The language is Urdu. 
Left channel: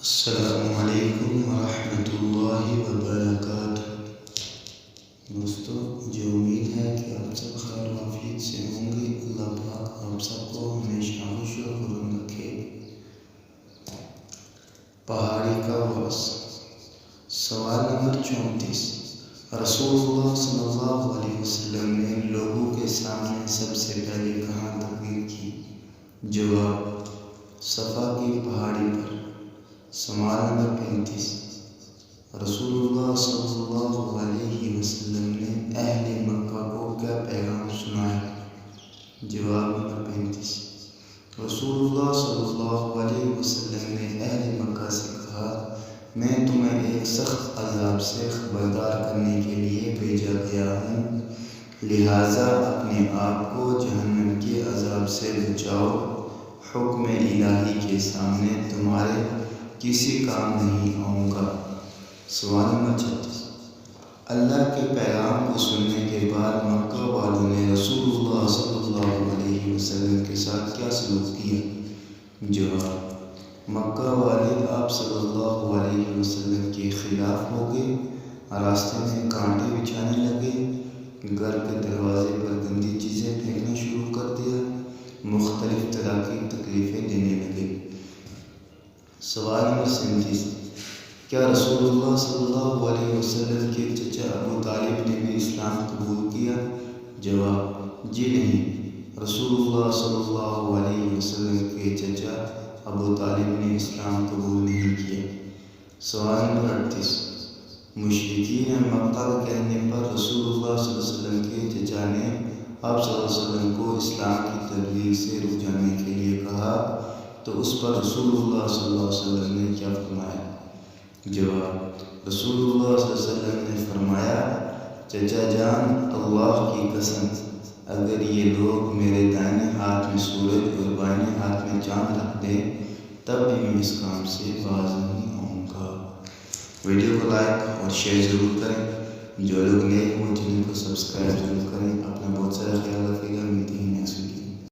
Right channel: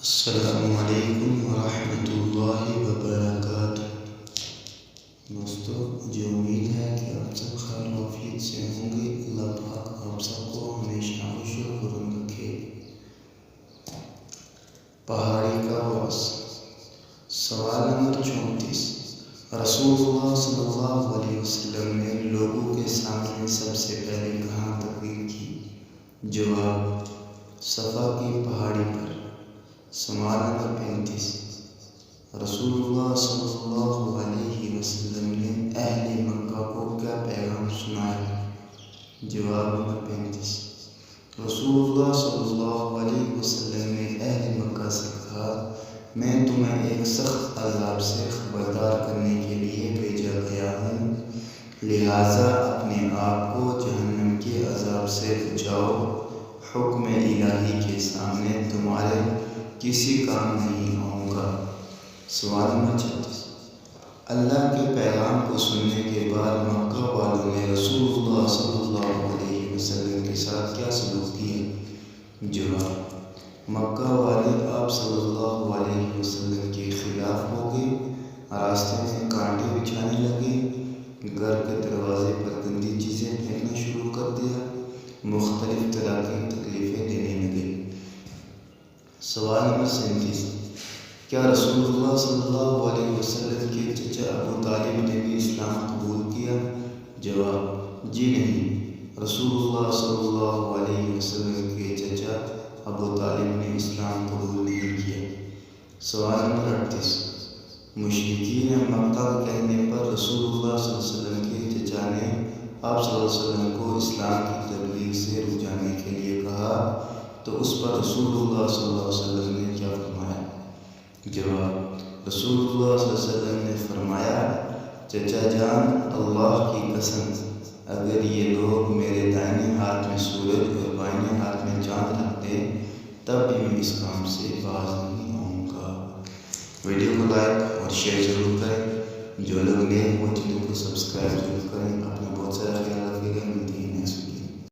السلام علیکم ورحمۃ اللہ وبرکاتہ۔ دوستو، مجھے امید ہے کہ آپ سب خیر و عافیت سے ہوں گے۔ اللہ پاک آپ سب کو ہمیشہ خوش و خرم رکھے۔ پہاڑی کا واس، سوال نمبر 34۔ رسول اللہ صلی اللہ علیہ وسلم نے لوگوں کے سامنے سب سے پہلے کہاں تقریر کی؟ جواب: صفا کی پہاڑی پر۔ سوال نمبر 35۔ رسول اللہ صلی اللہ علیہ وسلم نے اہل مکہ کو کیا پیغام سنایا؟ جواب نمبر 35۔ رسول اللہ صلی اللہ علیہ وسلم نے اہل مکہ سے کہا، میں تمہیں ایک سخت عذاب سے خبردار کرنے کے لیے بھیجا گیا ہوں، لہٰذا اپنے آپ کو جہنم کے عذاب سے بچاؤ۔ حکم الہی کے سامنے تمہارے کسی کام نہیں آؤں گا۔ سوال نمبر 36۔ اللہ کے پیغام کو سننے کے بعد مکہ والوں نے رسول اللہ صلی اللہ علیہ وسلم کے ساتھ کیا سلوک کیا؟ جواب: مکہ والے آپ صلی اللہ علیہ وسلم کے خلاف ہو گئے، راستے میں کانٹے بچھانے لگے، گھر کے دروازے پر گندی چیزیں پھینکنا شروع کر دیا، مختلف طرح کی تکلیفیں دینے لگے۔ سوال نمبر 37۔ کیا رسول اللہ صلی اللہ علیہ وسلم کے چچا ابو طالب نے بھی اسلام قبول کیا؟ جواب: جی نہیں، رسول اللہ صلی اللہ علیہ وسلم کے چچا ابو طالب نے اسلام قبول نہیں کیا۔ سوال نمبر 38۔ مشرکین مکہ کے کہنے پر رسول اللہ صلی اللہ علیہ وسلم کے چچا نے آپ صلی اللہ علیہ وسلم کو اسلام کی تبلیغ سے رک جانے کے لیے کہا، تو اس پر رسول اللہ صلی اللہ علیہ وسلم نے کیا فرمایا؟ جواب: رسول اللہ صلی اللہ علیہ وسلم نے فرمایا، چچا جان، اللہ کی قسم، اگر یہ لوگ میرے دائیں ہاتھ میں سورج اور بائیں ہاتھ میں چاند رکھ دیں تب بھی میں اس کام سے باز نہیں آؤں گا۔ ویڈیو کو لائک اور شیئر ضرور کریں۔ جو لوگ نئے ہیں وہ چینل کو سبسکرائب ضرور کریں۔ اپنا بہت سارا خیال رکھیے گا۔ ملتے ہیں نیکسٹ ویڈیو۔